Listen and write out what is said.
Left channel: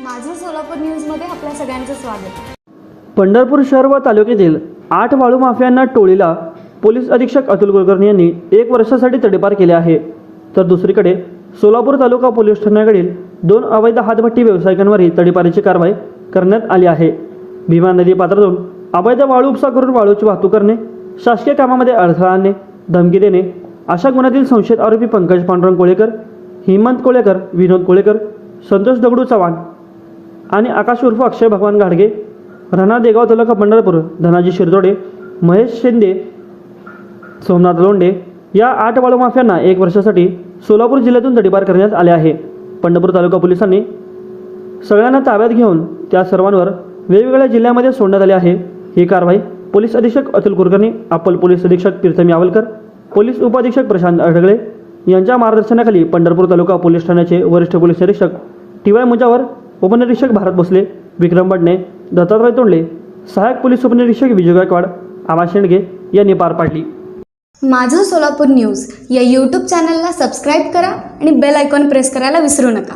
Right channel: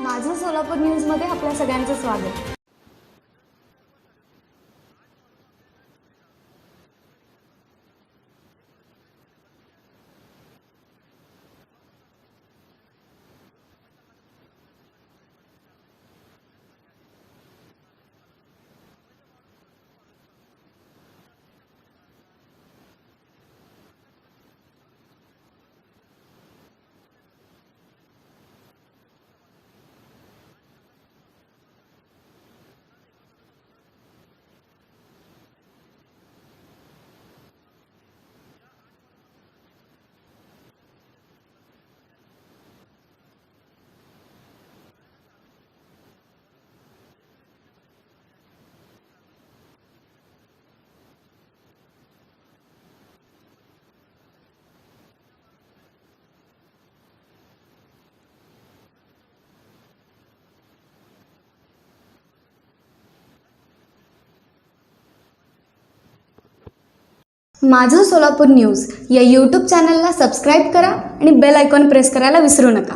माझं सोलापूर न्यूजमध्ये आपल्या सगळ्यांचं स्वागत. पंढरपूर शहर व तालुक्यातील आठ वाळू माफियांना टोळीला पोलीस अधीक्षक अतुल कुलकर्णी यांनी एक वर्षासाठी तडीपार केले आहे. तर दुसरीकडे सोलापूर तालुका पोलीस ठाण्याकडील दोन अवैध हातभट्टी व्यावसायिकांवरही तडीपारीची कारवाई करण्यात आली आहे. भीमा नदी पात्रातून अवैध वाळू उपसा करून वाळूची वाहतूक करणे शासकीय कामामध्ये अडथळा आणणे धमकी देणे अशा गुन्ह्यातील संशयित आरोपी पंकज पांडुरंग कोळेकर हेमंत कोळेकर विनोद कोळेकर संतोष दगडू चव्हाण आणि आकाश उर्फ अक्षय भगवान घाडगे राणा देगाव तालुका पंढरपूर धनाजी शिरदोडे महेश शिंदे सोमनाथ लोंडे या आठ वाळू माफियांना एक वर्षासाठी सोलापूर जिल्ह्यातून तडीपार करण्यात आले आहे. पंढरपूर तालुका पोलिसांनी सगळ्यांना ताब्यात घेऊन त्या सर्वांवर वेगवेगळ्या जिल्ह्यामध्ये सोडण्यात आले आहे. ही कारवाई पोलीस अधीक्षक अतुल कुलकर्णी अप्पल पोलीस अधीक्षक प्रीतम यावलकर पोलीस उपअधीक्षक प्रशांत अडगळे यांच्या मार्गदर्शनाखाली पंढरपूर तालुका पोलीस ठाण्याचे वरिष्ठ पोलीस निरीक्षक टी वाय मुजावर उपनिरीक्षक भारत भोसले विक्रम बडणे दत्तात्रय तोंडले सहायक पोलीस उपनिरीक्षक विजय गायकवाड आमा शेंडगे यांनी पार पाडली. माझं सोलापूर न्यूज या यूट्यूब चॅनलला सबस्क्राईब करा आणि बेल आयकॉन प्रेस करायला विसरू नका.